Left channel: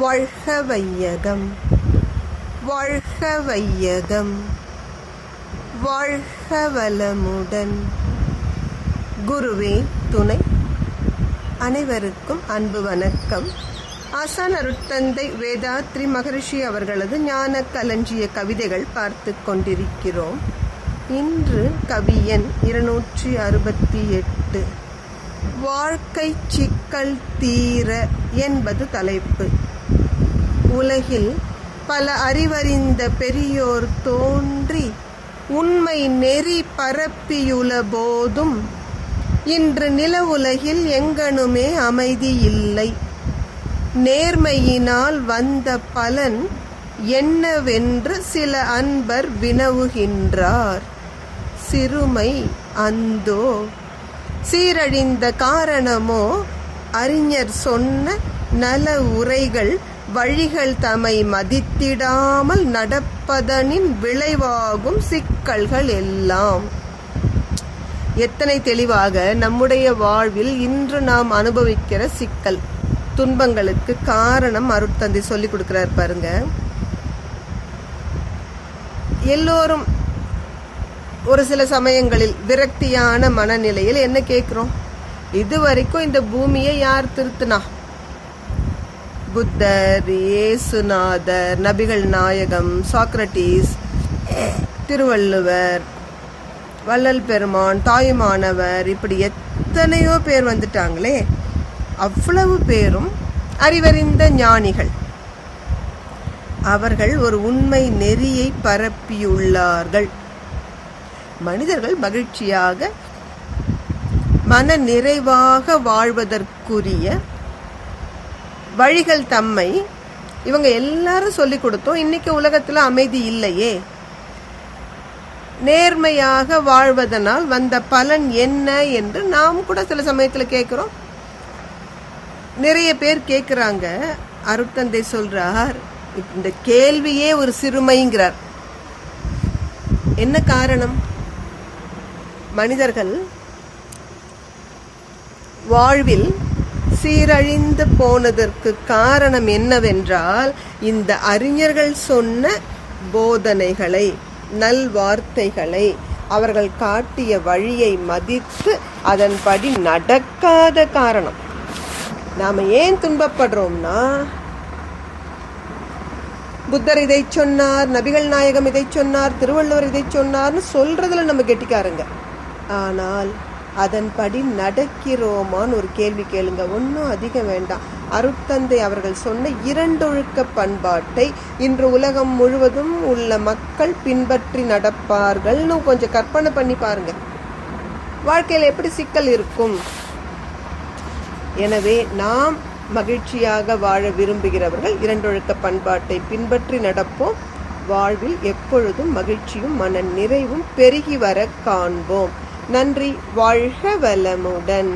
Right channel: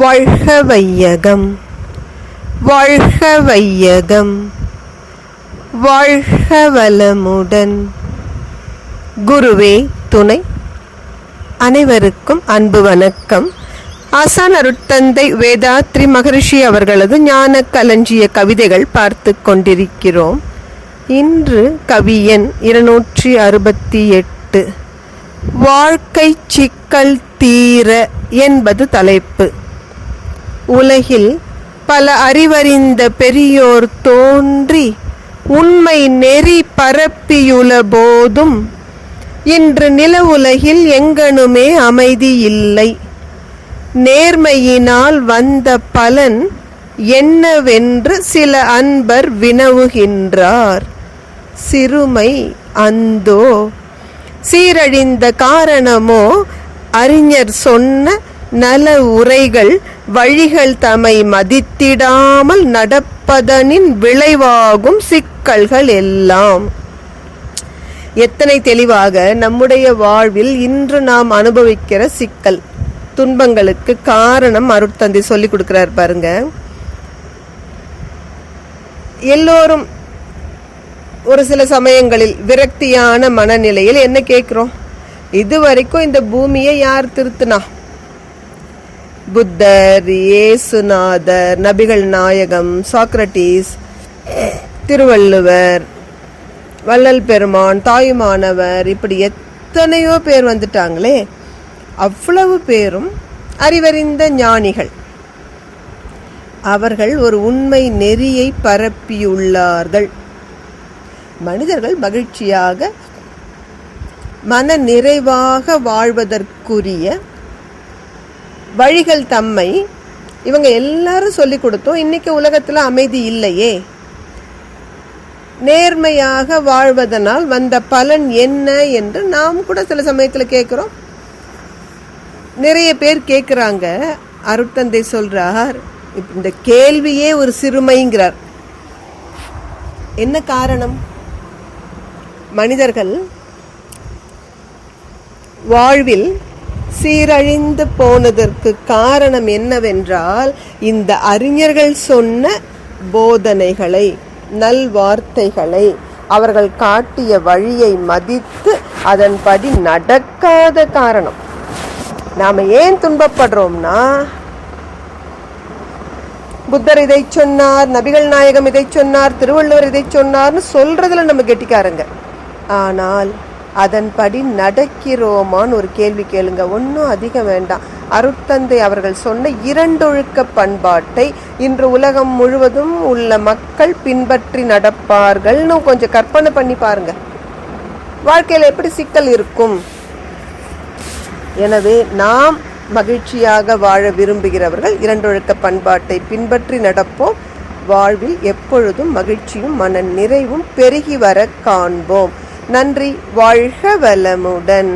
வாழ்க வையகம், வாழ்க வையகம், வாழ்க வளமுடன். குருவே துணை. அனைவருக்கும் அன்பு வணக்கம். ஆசான் அருட்தந்தை வேதாத்ரி மகரிஷி அவர்களது ஞான களஞ்சிய கவிதைகள் பார்த்து கொண்டிருக்கிறோம். இன்று கவியன் 268 வாழ்க்கை சிக்கல் தீர என்பது தலைப்பு. உலகில் பல அறிவறிந்த பெரியோர் தோன்றி உண்மை நெறி பரப்பியுள்ள போதும் இன்று நில உலகில் எங்கனுமே அமைதி இல்லை. நேர்மையினால் வந்த பலன் என்னவென்று சில அன்பர் வினவுகின்றார். சிறுமை அந்தோ, சீரழிந்த காரணமோ அறிஞர் சொன்ன நல உரைகள் வழிகள் தம்மை மதித்திடாமல் நடப்பதனின் விளைவாகும் சிக்கல்கள் எல்லாம். எத்தனை தெளிவாக நம்முடைய வாழ்வில் இன்று நாம் அனுபவிக்கிற சிக்கல் துன்பங்களுக்கு காரணம் அருட்தந்தை சொல்லி கொடுக்கிறார் பாருங்க. எல்லோரும் ஒரு சில சமயங்களில் விரக்தியான மனநிலையில் என்ன கேட்கிறோம்? இதுவரைக்கும் இந்த பூமியை யார் திருத்தினா? புத்தர், இயேசுநாதர், நபிகள் நாயகம், சாக்ரட்டிஸ், திருவள்ளுவர், வள்ளல் பெருமான், தாயுமானவர், இப்படி எத்தனையோ பேர் வந்துட்டாங்களே. அவ்வளவு பேரும் அறிவறிந்த ஞானிகள். அவர்கள் ஒரு உண்மை நெறியை பரப்பியுள்ளார்கள். மனிதர்கள் மகிழ்ச்சியாக மன நிறைவாக வாழ்வதற்குரிய வழிகள் தம்மை இவங்க எல்லாரும் சொல்லி கொடுத்தோம். இன்னைக்கு உலகத்துல அமைதி இல்லையே. நேர்மையாக வாழ்வதனால் வந்த பலன் என்ன என்று நாம் கூட சில சமயத்துல கேட்கிறோம். நிறைய பேர் கேட்கிறாங்க. அருட்தந்தை சொல்றார், இந்த கேள்வியே ஒரு சிறுமைங்கிறார். என்ன காரணம்? மனிதர்கள் வாழ்வில் சீரழிந்து போனதற்கு காரணம் என்னவென்றால், இந்த அறிஞர்கள் சொன்ன போதனைகளை, நல்வார்த்தைகளை, அவர்கள் காட்டிய வழியை மதித்து அதன்படி நடக்காத காரணம். நாம ஏன் துன்பப்படுறோம்னா, புத்தர் இதை சொன்னார், நபிகள் நாயகம் இதை சொன்னார், திருவள்ளுவர் இதை சொன்னார்னு சொல்றதுல நம்ம கெட்டிக்காரங்க. ஆனால் அதன்படி நடக்கிறோமான்னு ஒரு கேள்வி கேளுங்க. ஒன்றும் அதிகம் வேண்டாம். அருட்தந்தை அவர்கள் சொன்ன 2 ஒழுக்க பண்பாட்டை இன்று உலகம் முழுவதும் உள்ள மக்கள் பின்பற்றி நடப்பார்கள்னு கொஞ்சம் கற்பனை பண்ணி பாருங்க. வாழ்க்கையில் எப்படி சிக்கல் இருக்கும்? எனவே நாம் மகிழ்ச்சியாக வாழ விரும்புகிறவர்கள் 2 ஒழுக்க பண்பாட்டை பின்பற்றி நடப்போம். வாழ்வில் எப்பொழுதும் மகிழ்ச்சியும் மன நிறைவும் பெருகி வர காண்போம். நன்றி. வாழ்க வளமுடன்.